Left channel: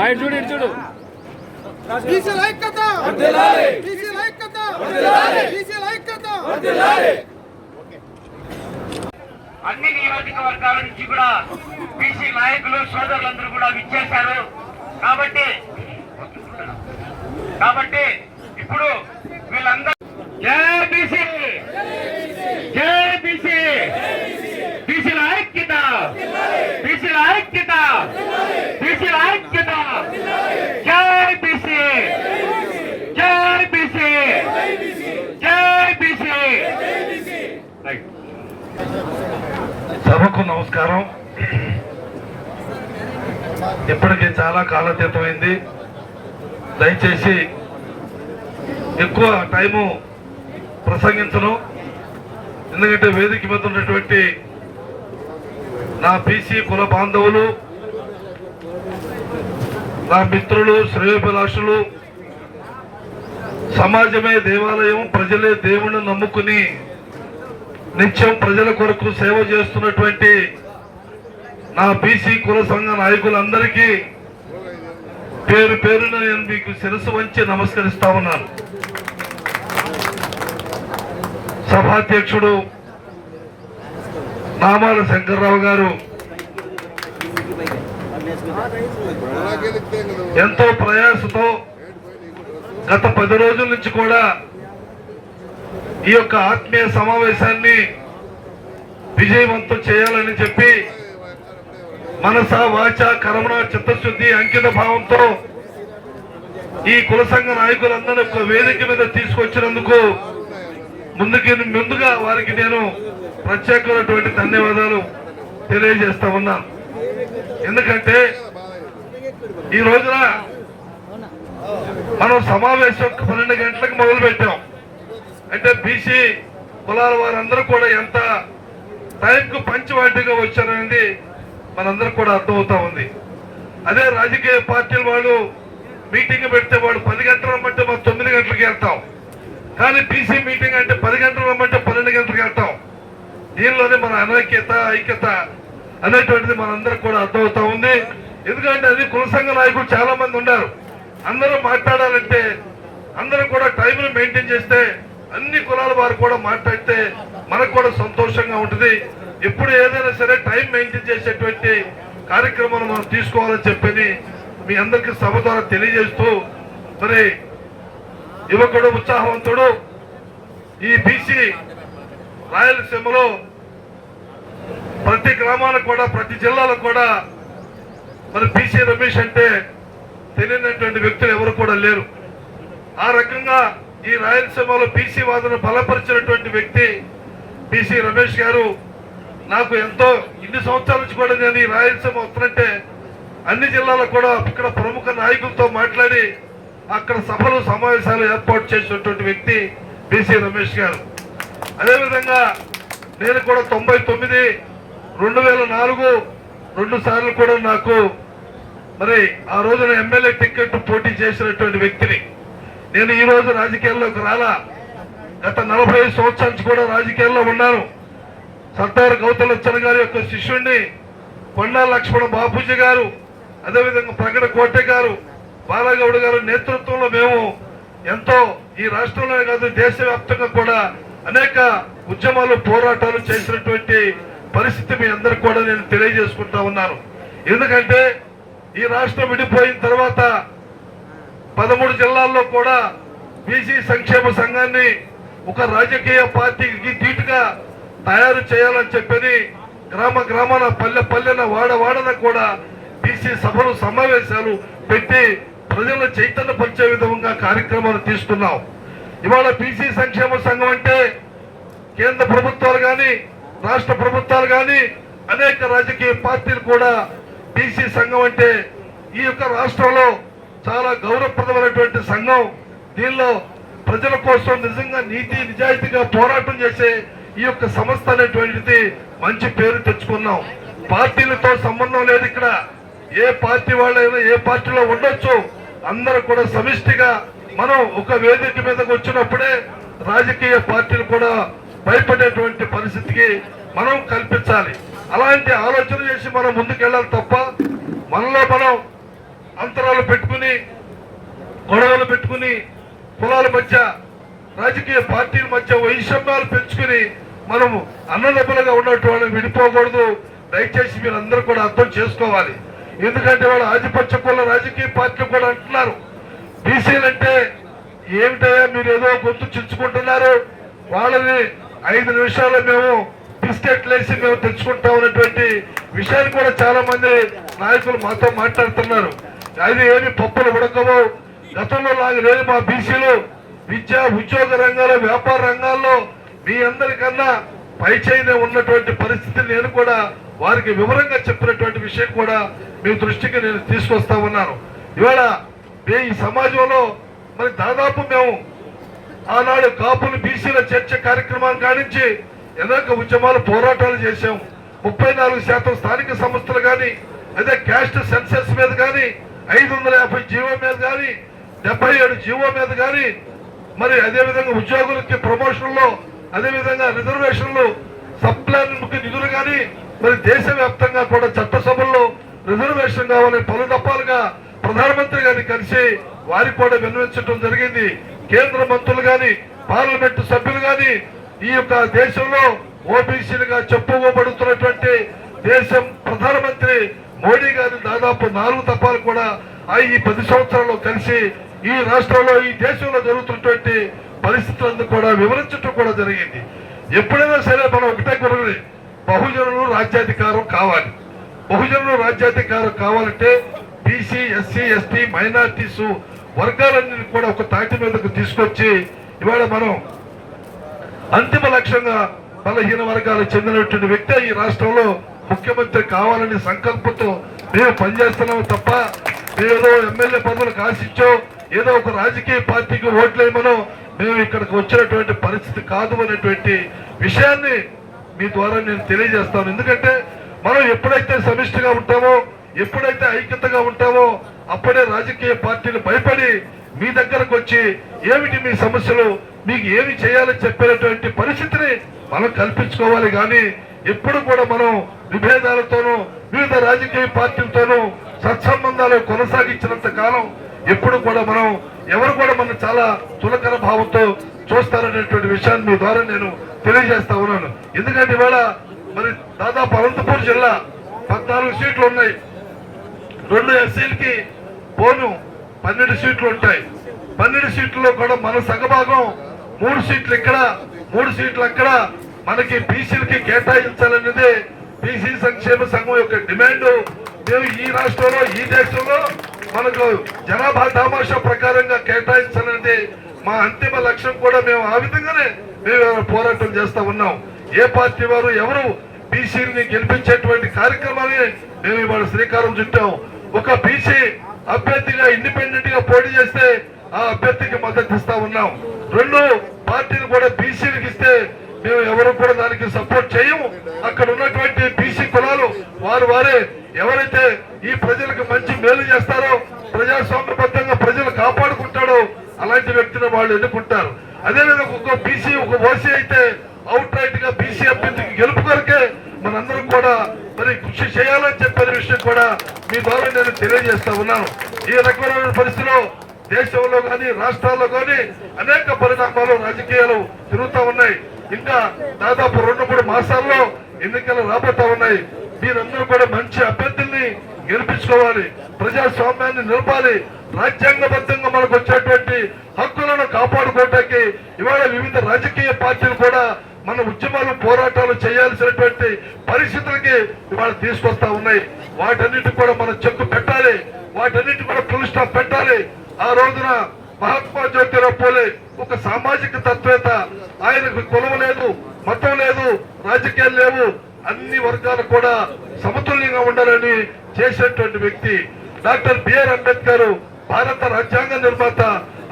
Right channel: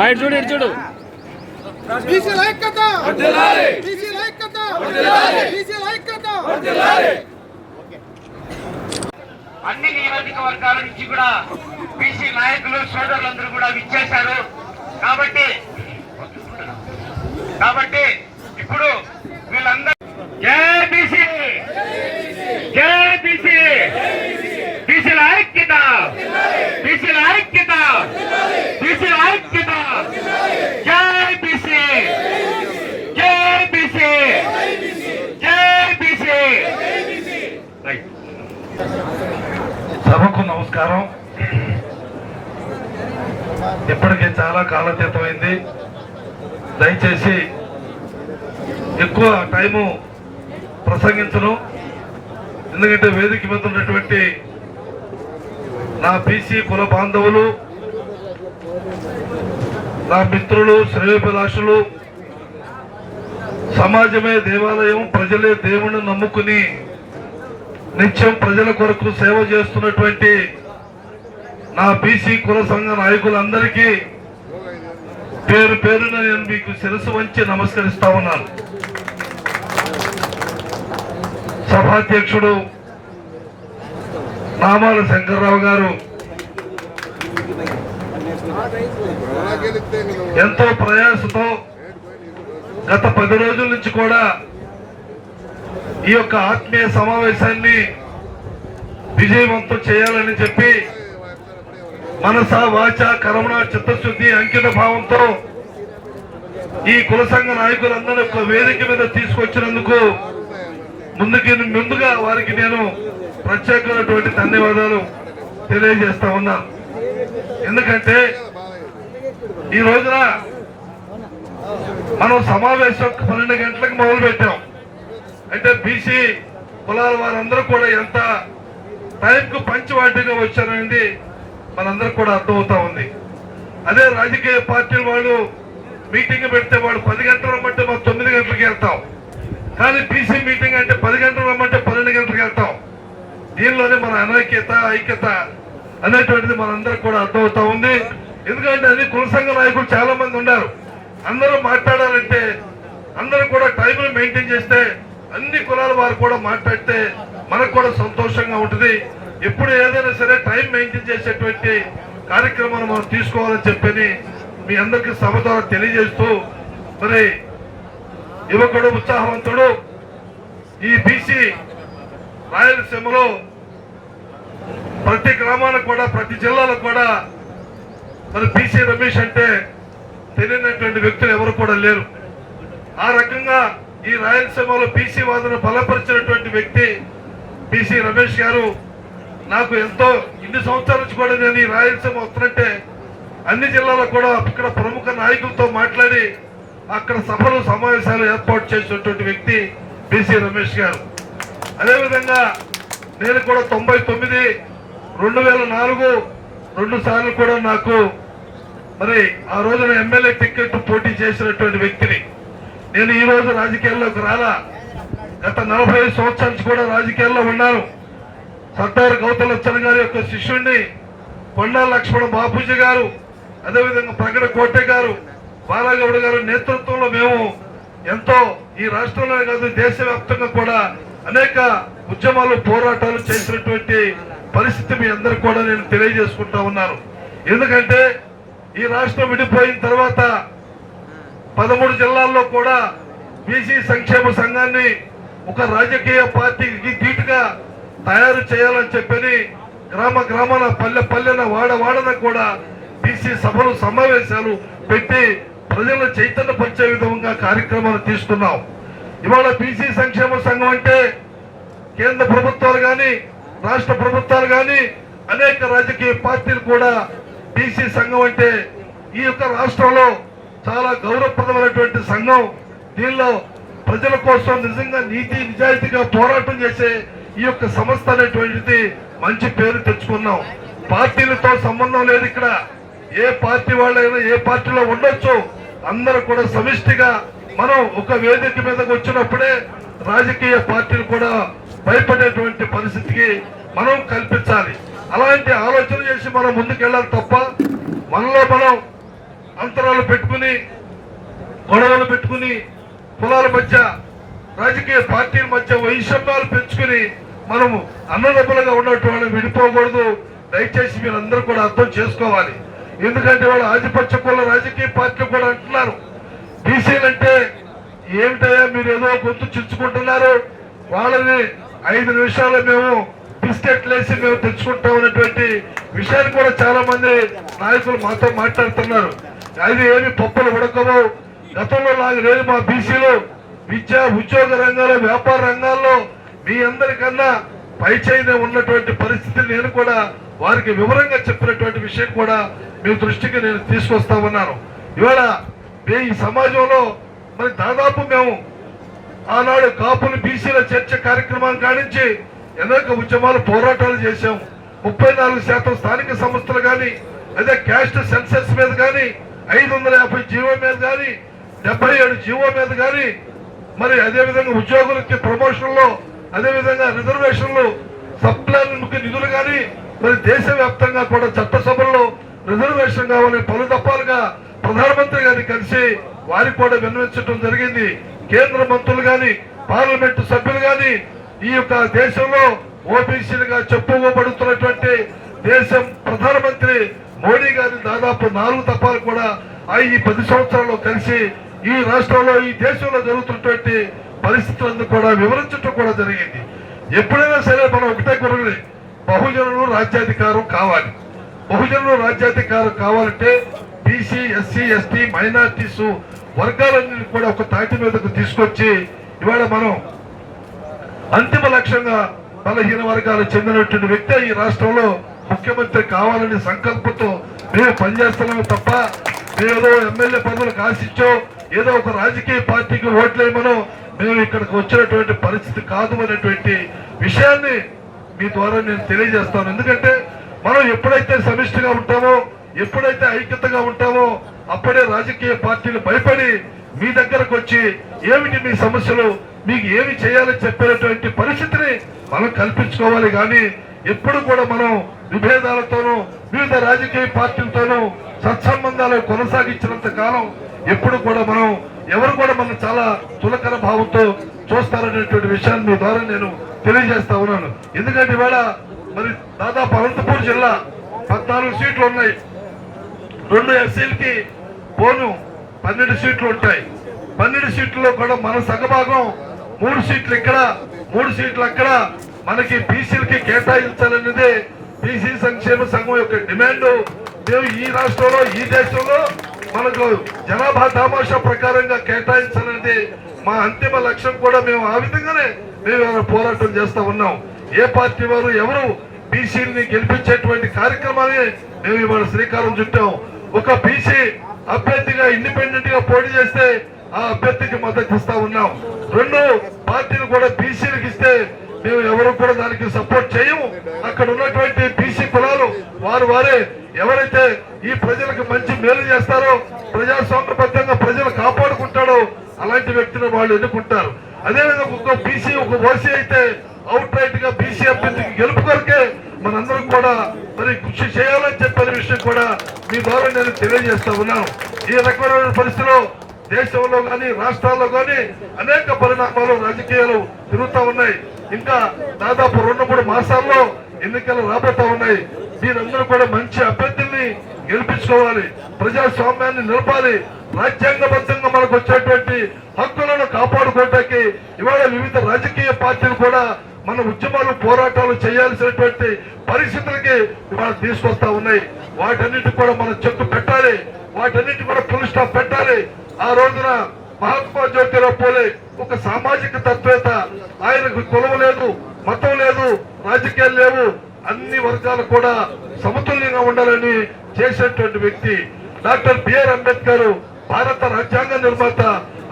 ఆయన చూడు ఇటు చూడు. బీసీల ఐక్యత! బీసీల ఐక్యత! బీసీల ఐక్యత! అన్ని నియోజకవర్గాల నుంచి కూడా బీసీ నాయకులు సోదరులందరూ కూడా విచ్చేశారు. కాబట్టి కాబట్టి ఇప్పుడు వీళ్ళందరూ జై బీసీ! జై బీసీ! బీసీల ఐక్యత! బీసీల ఐక్యత! బీసీల ఐక్యత! జై బీసీ! జై బీసీ! జై బీసీ! సభకు నమస్కారం. ఇప్పటికి చాలా కాలతీతమైంది దయచేసి ఎక్కువ టైము ప్రసంగించను. ఎందుకంటే వేదిక మీద ఉన్నటువంటి నా బీసీ కుల బాంధవులు నా మిత్రులు శ్రేయోభిలాషులు సమాజమే దేవాలయం ప్రజలే దేవుని నమ్ముకుని నిత్యం ప్రజల కొరకు సేవ చేస్తున్నటువంటి నా బీసీ కుల సంఘ నాయకులందరికీ పేరు పేరున నేను మీకు శిరస్సు వంచి నమస్కరిస్తా ఉన్నాను. సభాధ్యక్షుడు మామాల శంకర్రావు గారు. ఎంతో ప్రయాసతో గత పది రోజుల నుంచి కూడా ఈ యొక్క ఆత్మీయ సమావేశాన్ని విజయవంతం చేయాలని చెప్పి మనస వాచ కరమణ చిత్తశుద్ధి అంకిత భావంతో ఈ కుల సంఘ నాయకులందరూ ఒక వేదిక మీద తీసుకొచ్చినందుకు ముందుకి ముందుగా వారికి నేను ప్రత్యేకమైనటువంటి ధన్యవాదాలు తెలియజేస్తా ఉన్నా. ఎందుకంటే ఈ రోజున మనం సమావేశం పన్నెండు గంటలకు మొదలు పెట్టాం. అంటే బీసీ కులాల వారందరూ కూడా ఎంత టైంకు పంచవాటిగా వచ్చారనేది మనందరూ కూడా అర్థమవుతా ఉంది. అదే రాజకీయ పార్టీల వాళ్ళు మీటింగ్ పెడితే వాడు పది గంటలు రమ్మంటే మనం తొమ్మిది గంటలకు వెళ్తాం. కానీ బీసీ మీటింగ్ అంటే పది గంటలు రమ్మంటే పన్నెండు గంటలకు వెళ్తాం. దీనిలోనే మన అనైక్యత ఐక్యత అనేటువంటిది మనందరికి కూడా అర్థమవుతా ఉంది. ఎందుకంటే అది కులసంఘ నాయకులు చాలా మంది ఉన్నారు. అందరూ మాట్లాడాలంటే అందరూ కూడా టైంను మెయింటైన్ చేస్తే అన్ని కులాల వారు కూడా మాట్లాడితే మనకు కూడా సంతోషంగా ఉంటుంది. ఎప్పుడు ఏదైనా సరే టైం మెయింటైన్ చేసేటువంటి కార్యక్రమాలు మనం తీసుకోవాలని చెప్పని మీ అందరికీ సభ ద్వారా తెలియజేస్తూ మరి యువకుడు ఉత్సాహవంతుడు ఈ బీసీ రాయలసీమలో ప్రతి గ్రామానికి కూడా ప్రతి జిల్లాలో కూడా మరి బీసీ రమేష్ అంటే తెలియనటువంటి వ్యక్తులు ఎవరు కూడా లేరు. ఆ రకంగా ఈ రాయలసీమలో బీసీ వాదన బలపరిచినటువంటి వ్యక్తి బీసీ రమేష్ గారు నాకు ఎంతో ఇన్ని సంవత్సరాల నుంచి కూడా నేను ఈ రాయలసీమ వస్తున్నట్టే అన్ని జిల్లాలో కూడా ఇక్కడ ప్రముఖ నాయకులతో మాట్లాడి అక్కడ సభలు సమావేశాలు ఏర్పాటు చేసినటువంటి వ్యక్తి బీసీ రమేష్ గారు. అదేవిధంగా నేను కూడా తొంభై తొమ్మిది రెండు వేల నాలుగు రెండు సార్లు కూడా నాకు మరి ఆ రోజున ఎమ్మెల్యే టికెట్ పోటీ చేసినటువంటి వ్యక్తిని. నేను ఈ రోజు రాజకీయాల్లోకి రాలా. గత నలభై ఐదు సంవత్సరాల నుంచి కూడా రాజకీయాల్లో ఉన్నాను. సర్దార్ గౌతలచ్చన్ గారి యొక్క శిష్యుణ్ణి కొండా లక్ష్మణ బాపూజీ గారు అదేవిధంగా ప్రగడ కోటె గారు బాలగౌడ్ గారు నేతృత్వంలో మేము ఎంతో ఈ రాష్ట్రంలోనే కాదు దేశవ్యాప్తంగా కూడా అనేక ఉద్యమాలు పోరాటాలు చేసినటువంటి పరిస్థితి మీ అందరికి కూడా నేను తెలియజేసుకుంటా ఉన్నాను. ఎందుకంటే ఈ రాష్ట్రం విడిపోయిన తర్వాత పదమూడు జిల్లాల్లో కూడా బీసీ సంక్షేమ సంఘాన్ని ఒక రాజకీయ పార్టీకి ధీటుగా తయారు చేయాలని చెప్పని గ్రామ గ్రామాల పల్లె పల్లెన వాడ వాడన కూడా బీసీ సభలు సమావేశాలు పెట్టి ప్రజలను చైతన్యపరిచే విధంగా కార్యక్రమాలు తీసుకున్నాం. ఇవాళ బీసీ సంక్షేమ సంఘం అంటే కేంద్ర ప్రభుత్వాలు కానీ రాష్ట్ర ప్రభుత్వాలు కానీ అనేక రాజకీయ పార్టీలు కూడా బీసీ సంఘం అంటే ఈ యొక్క రాష్ట్రంలో చాలా గౌరవప్రదమైనటువంటి సంఘం. దీనిలో ప్రజల కోసం నిజంగా నీతి నిజాయితీగా పోరాటం చేసే ఈ యొక్క సంస్థ అనేటువంటిది మంచి పేరు తెచ్చుకున్నాం. పార్టీలతో సంబంధం లేదు ఇక్కడ. ఏ పార్టీ వాళ్ళైనా ఏ పార్టీలో ఉండొచ్చు. అందరూ కూడా సమిష్టిగా మనం ఒక వేదిక మీదకి వచ్చినప్పుడే రాజకీయ పార్టీలు కూడా భయపడేటువంటి పరిస్థితికి మనం కల్పించాలి. అలాంటి ఆలోచన చేసి మనం ముందుకెళ్ళాలి తప్ప మనలో మనం అంతరాలు పెట్టుకుని గొడవలు పెట్టుకుని కులాల మధ్య రాజకీయ పార్టీల మధ్య వైషమ్యాలు పెంచుకుని మనము అన్నదబ్బలుగా ఉన్నట్టు వాళ్ళని విడిపోకూడదు. దయచేసి మీరు అందరూ కూడా అర్థం చేసుకోవాలి. ఎందుకంటే వాళ్ళు ఆధిపత్య కుల రాజకీయ పార్టీలు కూడా అంటున్నారు. బీసీలు అంటే ఏమిటయ్యా మీరు ఏదో గుర్తు చించుకుంటున్నారు? వాళ్ళని ఐదు నిమిషాలు మేము బిస్కెట్లు వేసి మేము తెచ్చుకుంటాం అనేటువంటి విషయాన్ని కూడా చాలా మంది నాయకులు మాతో మాట్లాడుతున్నారు. అది ఏమి పప్పులు ఉడకవు. గతంలో లాగా లేదు మా బీసీలు. విద్య ఉద్యోగ రంగాల్లో వ్యాపార రంగాల్లో మీ అందరికన్నా పైచైనే ఉన్నటువంటి పరిస్థితి నేను కూడా వారికి వివరంగా చెప్పినటువంటి విషయం కూడా మీ దృష్టికి నేను తీసుకొస్తా ఉన్నాను. ఇవాళ ఈ సమాజంలో మరి దాదాపు మేము ఆనాడు కాపులు బీసీల చర్చ కార్యక్రమాన్ని కానించి అనేక ఉద్యమాలు పోరాటాలు చేశాం. ముప్పై నాలుగు శాతం స్థానిక సంస్థలు కానీ అదే క్యాస్ట్ సెన్సెస్ మీద కానీ ఐదు వందల యాభై జీవో మీద కానీ డెబ్బై ఏడు జీవో మీద కానీ మరి అదేవిధంగా ఉద్యోగులకి ప్రమోషన్లో అదే విధంగా రిజర్వేషన్లు సప్లైకి నిధులు కానీ మరి దేశవ్యాప్తంగా కూడా చట్టసభల్లో రిజర్వేషన్ కావాలని పలు దఫాలుగా ప్రధానమంత్రి గారిని కలిసి వారికి కూడా విన్నవించడం జరిగింది. కేంద్ర మంత్రులు గాని పార్లమెంటు సభ్యులు గాని ఈ యొక్క దేశంలో ఓబీసీలుగా చెప్పుకోబడుతున్నటువంటి దేశం ప్రధానమంత్రి మోడీ గారి దాదాపు నాలుగు తపాలు కూడా ఆ ఈ పది సంవత్సరాల్లో కలిసి ఈ రాష్ట్రంలో ఈ దేశంలో జరుగుతున్నటువంటి పరిస్థితులను కూడా వివరించడం కూడా జరిగింది. ఎప్పుడైనా సరే మనం ఒకటే కొరది బహుజనులు రాజ్యాధికారం కావాలి. బహుజనులు రాజ్యాధికారం కావాలంటే బీసీ ఎస్సీ ఎస్టీ మైనార్టీస్ వర్గాలన్నింటినీ కూడా ఒక తాటి మీదకు తీసుకొచ్చి ఇవాళ మనం అంతిమ లక్ష్యంగా బలహీన వర్గాలకు చెందినటువంటి వ్యక్తి ఈ రాష్ట్రంలో ముఖ్యమంత్రి కావాలనే సంకల్పంతో మేము పనిచేస్తున్నాం తప్ప మేమేదో ఎమ్మెల్యే పదవులకు ఆశించో ఏదో ఒక రాజకీయ పార్టీకి ఓట్లేమనో మేము ఇక్కడికి వచ్చినటువంటి పరిస్థితి కాదు అనేటువంటి విషయాన్ని మీ ద్వారా నేను తెలియజేస్తాను. ఎందుకంటే మనం ఎప్పుడైతే సమిష్టిగా ఉంటామో ఎప్పుడైతే ఐక్యతగా ఉంటామో అప్పుడే రాజకీయ పార్టీలు భయపడి మీ దగ్గరకు వచ్చి ఏమిటి మీ సమస్యలు మీకు ఏమి చేయాలని చెప్పేటువంటి పరిస్థితిని మనం కల్పించుకోవాలి. కానీ ఎప్పుడు కూడా మనం విభేదాలతోనూ వివిధ రాజకీయ పార్టీలతోనూ సత్సంబంధాలు కొనసాగించినంత కాలం ఎప్పుడు కూడా మనం ఎవరు కూడా మనం చాలా చులకన భావంతో చూస్తారనేటువంటి విషయాన్ని మీ ద్వారా నేను తెలియజేస్తా ఉన్నాను. ఎందుకంటే ఇవాళ మరి దాదాపు అనంతపూర్ జిల్లా పద్నాలుగు సీట్లు ఉన్నాయి. రెండు ఎస్సీలకి పోను. పన్నెండు సీట్లు ఉంటాయి. పన్నెండు సీట్లలో కూడా మన సగభాగం మూడు సీట్లు ఇక్కడ మూడు సీట్లు అక్కడ. మనకి బీసీలకి కేటాయించాలనేది బీసీ సంక్షేమ సంఘం యొక్క డిమాండ్. మేము ఈ రాష్ట్రంలో ఈ దేశంలో మనకు జనాభా దామాషా ప్రకారంగా కేటాయించాలంటే మా అంతిమ లక్ష్యం కూడా మేము ఆ విధంగానే మేము పోరాటం చేస్తూ ఉన్నాం. ఏ పార్టీ వారు ఎవరు బీసీని గెలిపించేటువంటి కార్యక్రమాన్ని మేము ఇవాళ శ్రీకారం చుట్టాం. ఒక బీసీ అభ్యర్థిగా ఇండిపెండెంట్గా పోటీ చేస్తే ఆ అభ్యర్థికి మద్దతు ఇస్తా ఉన్నాం. రెండు పార్టీలు కూడా బీసీలకు ఇస్తే మేము ఎవరు కూడా దానికి సపోర్ట్ చేయము. అక్కడ ఉన్నటువంటి బీసీ కులాలు వారు వారే ఎవరైతే ఈ ప్రజలకు మంచి మేలు చేస్తారో ప్రజాస్వామ్యబద్ధంగా ప్రజలు కాపాడుకుంటాడో అలాంటి వ్యక్తిని వాళ్ళు ఎన్నుకుంటారు. అదేవిధంగా ఒక బీసీ ఒక ఓసీ అయితే అవుట్ రైట్గా బీసీ అభ్యర్థికి గెలుపు కొరకే మనందరం కూడా మరి కృషి చేయాలని చెప్పిన విషయం కూడా మీ ద్వారా నేను తెలియజేస్తా ఉన్నాను. ఈ రకమైన పరిస్థితిలో దేశంలో కానీ రాష్ట్రాల్లో కానీ అనేక పరిణామాలు రాజకీయాలు తిరుగుతా ఉన్నాయి. ఇంకా దాదాపు రెండు మూడు మాసాల్లో ఎన్నికలు రాబోతా ఉన్నాయి. మీరందరూ కూడా మంచి అభ్యర్థుల్ని గెలిపించుకోవాలి. ప్రజాస్వామ్యాన్ని నిలపాలి. రాజ్యాంగబద్ధంగా మనకు వచ్చేటువంటి హక్కులను కాపాడుకోవటానికి ఇవాళ వివిధ రాజకీయ పార్టీలు కూడా మన ఉద్యమాలు పోరాటాలు చేయాల్సినటువంటి పరిస్థితులకి ఇవాళ తీసుకొస్తా ఉన్నాయి. వాటన్నిటి కూడా మనం చెట్టు పెట్టాలి. వాటన్నిటి కూడా ఫుల్ స్టాప్ పెట్టాలి. ఆ రోజున మహాత్మా జ్యోతిరావు పోలే ఒక సామాజిక తత్వేత. ఆయనకు కులం లేదు మతం లేదు రాజకీయాలు లేవు. అన్ని వర్గాలు కూడా సమతుల్యంగా ఉండాలని చేసినటువంటి వ్యక్తి. డాక్టర్ బిఆర్ అంబేద్కర్ భారత రాజ్యాంగ నిర్మాత.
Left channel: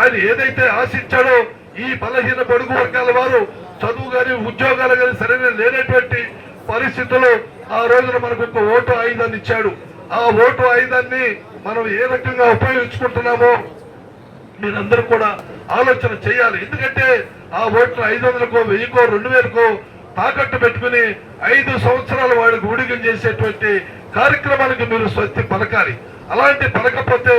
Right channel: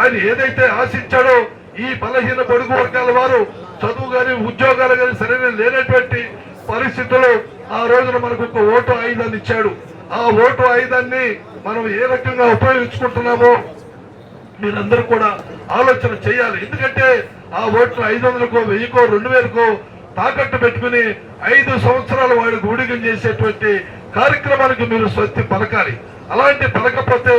ఆయన ఏదైతే ఆశించాడో ఈ బలహీన బడుగు వర్గాల వారు చదువు కానీ ఉద్యోగాలు కానీ సరైన లేనటువంటి పరిస్థితుల్లో ఆ రోజున మనకు ఒక ఓటు ఆయుధాన్ని ఇచ్చాడు. ఆ ఓటు ఆయుధాన్ని మనం ఏ రకంగా ఉపయోగించుకుంటున్నామో మీరందరూ కూడా ఆలోచన చేయాలి. ఎందుకంటే ఆ ఓట్లు ఐదు వందలకో వెయ్యికో రెండు వేలకో తాకట్టు పెట్టుకుని ఐదు సంవత్సరాలు వాడికి ఊడిగం చేసేటువంటి కార్యక్రమానికి మీరు స్వస్తి పలకాలి. అలాంటి పలకపోతే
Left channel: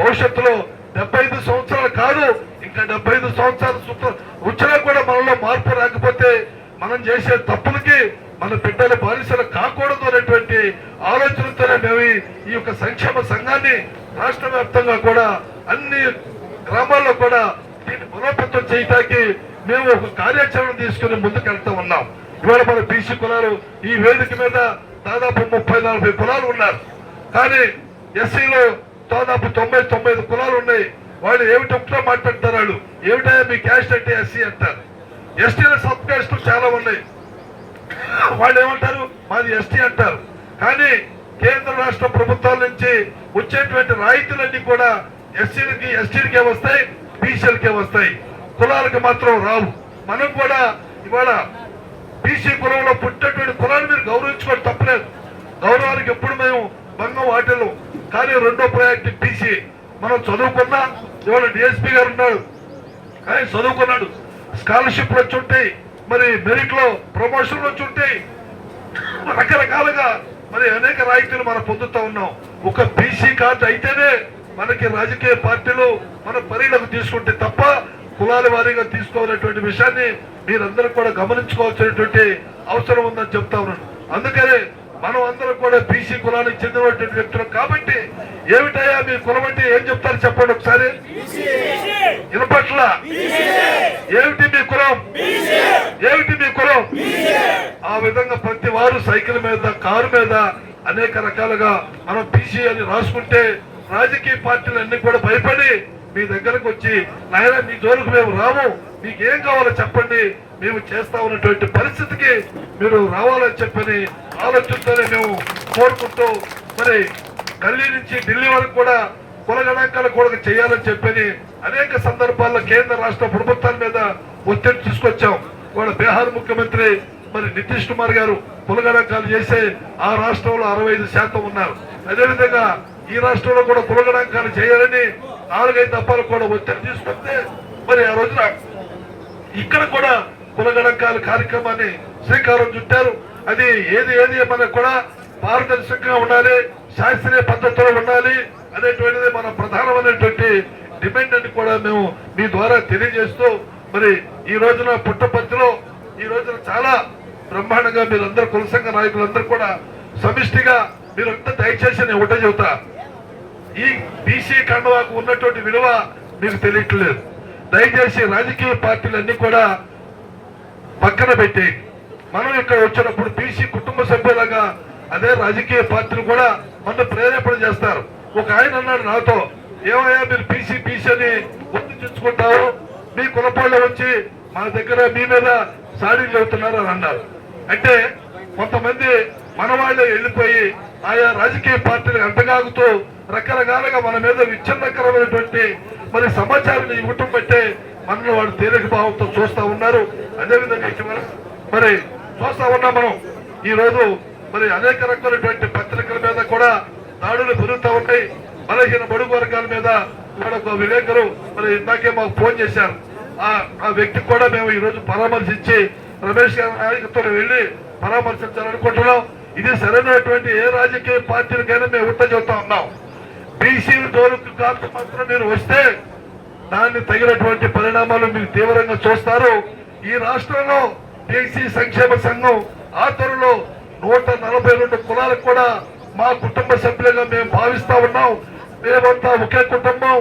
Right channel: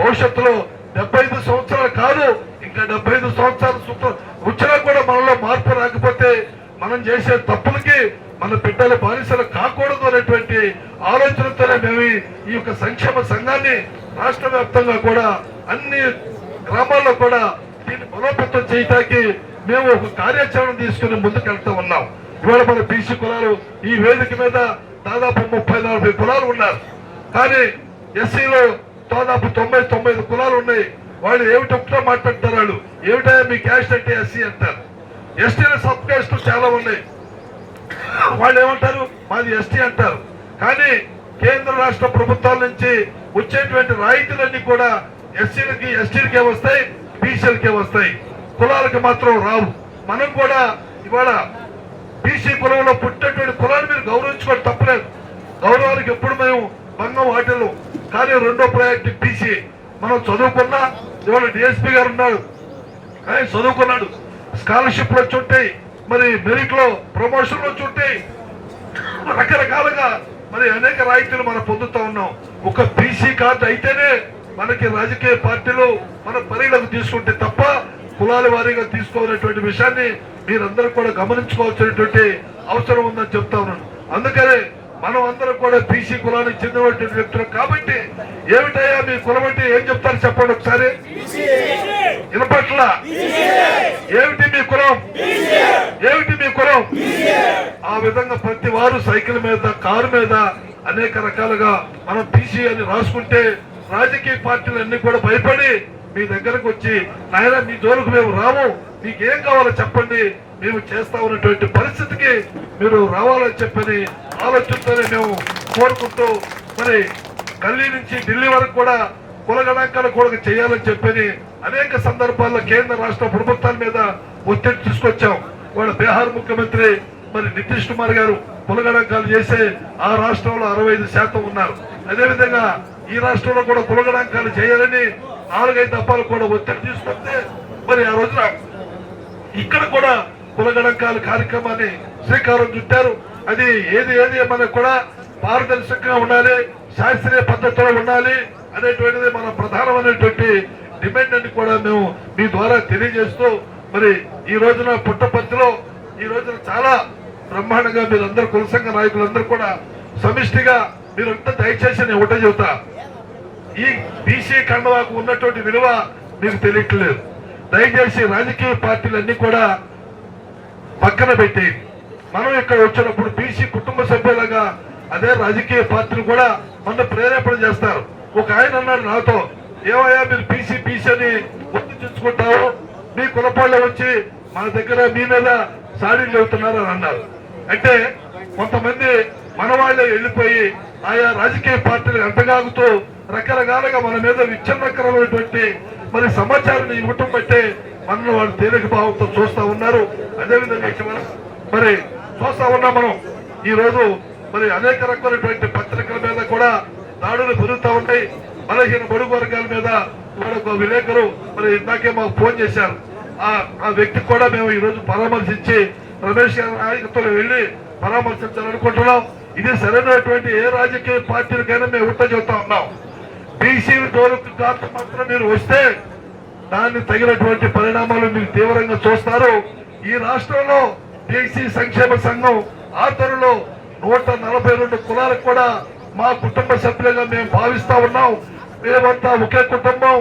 భవిష్యత్తులో డెబ్బై ఐదు సంవత్సరాలు కాదు ఇంకా డెబ్బై ఐదు సంవత్సరాలు సుత- వచ్చినా కూడా మనలో మార్పు రాకపోతే మనం చేసే తప్పులకి మన బిడ్డల బానిసలు కాకూడదు అనేటువంటి ఆలోచనతోనే మేము ఈ- యొక్క సంక్షేమ సంఘాన్ని రాష్ట్ర వ్యాప్తంగా కూడా అన్ని గ్రామాల్లో కూడా దీన్ని బలోపేతం చేయటానికి మేము ఒక కార్యాచరణ తీసుకుని ముందుకు వెళ్తూ ఉన్నాం. ఇవాళ మన బీసీ కులాలు ఈ వేదిక మీద దాదాపు ముప్పై నలభై కులాలు ఉన్నారు. కానీ ఎస్సీలో దాదాపు తొంభై తొంభై ఐదు కులాలు ఉన్నాయి. వాళ్ళు ఏమిటి ఒకటే మాట్లాడతారు వాళ్ళు. ఏమిటా మీ క్యాస్ట్ అంటే ఎస్సీ అంటారు. ఎస్టీల సబ్ క్యాస్ట్లు చాలా ఉన్నాయి. వాళ్ళు ఏమంటారు? మాది ఎస్టీ అంటారు. కానీ కేంద్ర రాష్ట్ర ప్రభుత్వాల నుంచి వచ్చేటువంటి రాయితీలన్నీ కూడా ఎస్సీలకి ఎస్టీలకే వస్తాయి బీసీలకే వస్తాయి. కులాలకు మాత్రం రావు. మనం కూడా ఇవాళ బీసీ కులంలో పుట్టినటువంటి కులాన్ని మీరు గౌరవించుకోవడం తప్పలేదు. గౌరవానికి ఎప్పుడు మేము భంగం వాటిల్లు కానీ రెండో ప్రయారిటీ బీసీ మనం చదువుకున్నా ఇవాళ డిఎస్పీ గారు ఉన్నారు. కానీ చదువుకున్నాడు. స్కాలర్షిప్లు వచ్చి ఉంటాయి. మరి మెరిట్లో ప్రమోషన్లు వచ్చి ఉంటాయి. రకరకాలుగా మరి అనేక రాయితీలు మనం పొందుతా ఉన్నాం. ఒక బీసీ కార్డు అయితేనే మనకి రాజకీయ పార్టీలు మన పరిగణకు తీసుకుంటే తప్ప కులాల వారీగా తీసుకోవాలనేటువంటి విషయాన్ని మీరందరూ కూడా గమనించుకోవాల్సినటువంటి అవసరం ఉందని చెప్తా ఉన్నాను. అందుకనే మనం అందరం కూడా బీసీ కులానికి చెందినటువంటి వ్యక్తులు కాబట్టి ఏమిటయ్యా మీ కులం అంటే ఏం చెప్తారు చెప్పండి ఒకసారి? వినపట్ల? ఏమిటి మీ కులం? ఏమిటి మీ కులం? ఆ విధంగా ప్రతి వారు సైకిల్ మీద కారు మీద అనేక రకాలుగా మనం బీసీ అని రాసుకుంటే రాజకీయ పార్టీలు అన్ని కూడా భయపడి మీ దగ్గరకు వచ్చి నాయన మీ జోలికి మేము రాము. మీకు ఏం కావాలో చెప్పండి. మేము చేస్తా ఉన్నటువంటి పరిస్థితికి మీరు రావాలని చెప్పని ఆలోచనతోనే మేము కోరుకుంటూ మరి ఢిల్లీ నుంచి ఢిల్లీ వరకు కూడా కుల గణాంకాలు కూడా చేయాలని చెప్పని అనేక సందర్భాల్లో కేంద్ర రాష్ట్ర ప్రభుత్వాల మీద ఒత్తిడి తీసుకొచ్చాం. వాళ్ళ బీహార్ ముఖ్యమంత్రి మరి నితీష్ కుమార్ గారు కుల గణాంకాలు చేసే ఆ రాష్ట్రంలో అరవై ఐదు శాతం ఉన్నారు. అదేవిధంగా ఈ రాష్ట్రంలో కూడా కుల గణాంకాలు చేయాలని నాలుగైదు తప్పాలు కూడా ఒత్తిడి తీసుకొస్తే మరి ఆ రోజున ఇక్కడ కూడా కుల గణాంకాల కార్యక్రమాన్ని శ్రీకారం చుట్టారు. అది ఏది ఏది మనకు కూడా పారదర్శకంగా ఉండాలి శాస్త్రీయ పద్ధతిలో ఉండాలి అనేటువంటిది మన ప్రధానమైనటువంటి డిమాండ్ అని కూడా మేము మీ ద్వారా తెలియజేస్తూ మరి ఈ రోజున పుట్టపర్తిలో ఈ రోజున చాలా బ్రహ్మాండంగా మీరందరూ కుల సంఘ నాయకులందరూ కూడా సమిష్టిగా మీరంతా దయచేసి నేను ఒకటే చెబుతా. ఈ బీసీ కండవాకు ఉన్నటువంటి విలువ మీకు తెలియట్లేదు. దయచేసి రాజకీయ పార్టీలన్నీ కూడా పక్కన పెట్టేయి మనం ఇక్కడ వచ్చినప్పుడు బీసీ కుటుంబ సభ్యులుగా అదే రాజకీయ పార్టీలు కూడా మన ప్రేరేపణ చేస్తారు. ఒక ఆయన అన్నాడు నాతో ఏమయ్యా మీరు బీసీ బీసీ అని గుర్తు తెచ్చుకుంటావు? మీ కులపాళ్ళు వచ్చి మన దగ్గర మీ మీద సాడీలు అవుతున్నారు అని అన్నారు. అంటే కొంతమంది మన వాళ్ళే వెళ్ళిపోయి ఆయా రాజకీయ పార్టీలు ఎంతగాగుతూ రకరకాలుగా మన మీద విచ్ఛిన్నకరమైనటువంటి మరి సమాచారాన్ని ఇవ్వటం బట్టే మనల్ని వాళ్ళు తేలిక భావంతో చూస్తూ ఉన్నారు. అదేవిధంగా మరి చూస్తా ఉన్నాం మనం. ఈ రోజు మరి అనేక రకాలైనటువంటి పత్రికల మీద కూడా దాడులు పెరుగుతూ ఉంటాయి. బలహీన బడుగు వర్గాల మీద ఇక్కడ ఒక విలేకరు మరి ఇందాకే మాకు ఫోన్ చేశారు. ఆ వ్యక్తి వ్యక్తికి కూడా మేము ఈ రోజు పరామర్శించి రమేష్ గారి నాయకత్వం వెళ్ళి పరామర్శించాలనుకుంటున్నాం ఇది సరైనటువంటి ఏ రాజకీయ పార్టీలకైనా మేము ఉట్ట చెబుతా ఉన్నాం. బీసీలు జోలుకు కాస్త మాత్రం మీరు వస్తే దాన్ని తగినటువంటి పరిణామాలు మీరు తీవ్రంగా చూస్తారు. ఈ రాష్ట్రంలో బీసీ సంక్షేమ సంఘం ఆచరణలో నూట నలభై రెండు కులాలకు కూడా మా కుటుంబ సభ్యులుగా మేము భావిస్తా ఉన్నాం. మేమంతా ఒకే కుటుంబం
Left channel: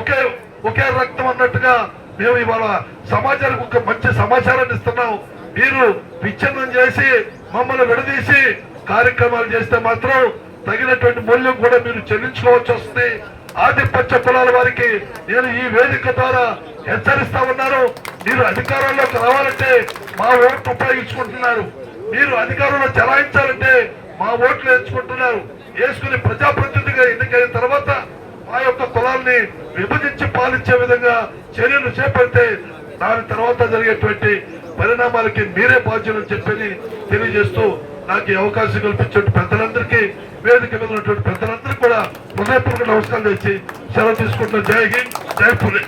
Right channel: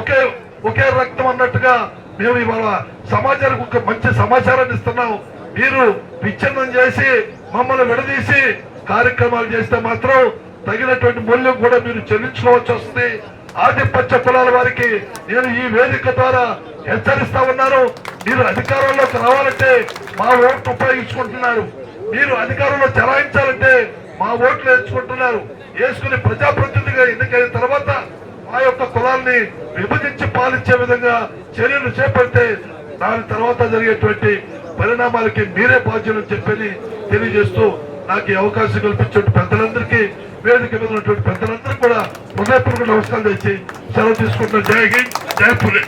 ఒకే ఒకే రక్తం అన్నట్టుగా మేము ఇవాళ సమాజానికి ఒక మంచి సమాచారాన్ని ఇస్తున్నాం. మీరు విచ్ఛిన్నం చేసి మమ్మల్ని విడదీసి కార్యక్రమాలు చేస్తే మాత్రం తగినటువంటి మూల్యం కూడా మీరు చెల్లించుకోవాల్సి వస్తుంది. ఆధిపత్య కులాల వారికి నేను ఈ వేదిక ద్వారా హెచ్చరిస్తా ఉన్నాను. మీరు అధికారంలోకి రావాలంటే మా ఓట్లు ఉపయోగించుకుంటున్నారు. మీరు అధికారంలో చలాయించాలంటే మా ఓట్లు ఎంచుకుంటున్నారు. వేసుకుని ప్రజాప్రతినిధిగా ఎన్నికైన తర్వాత మా యొక్క కులాల్ని విభజించి పాలించే విధంగా చర్యలు చేపడితే దాని తర్వాత జరిగేటువంటి పరిణామాలకి మీరే బాధ్యులు చెప్పని తెలియజేస్తూ నాకు ఈ అవకాశం కల్పించే పెద్దలందరికీ వేదిక మీద ఉన్నటువంటి పెద్దలందరికీ కూడా హృదయపూర్వక నమస్కారం తెచ్చి సెలవు తీసుకుంటున్న జై హింద్ జై పులి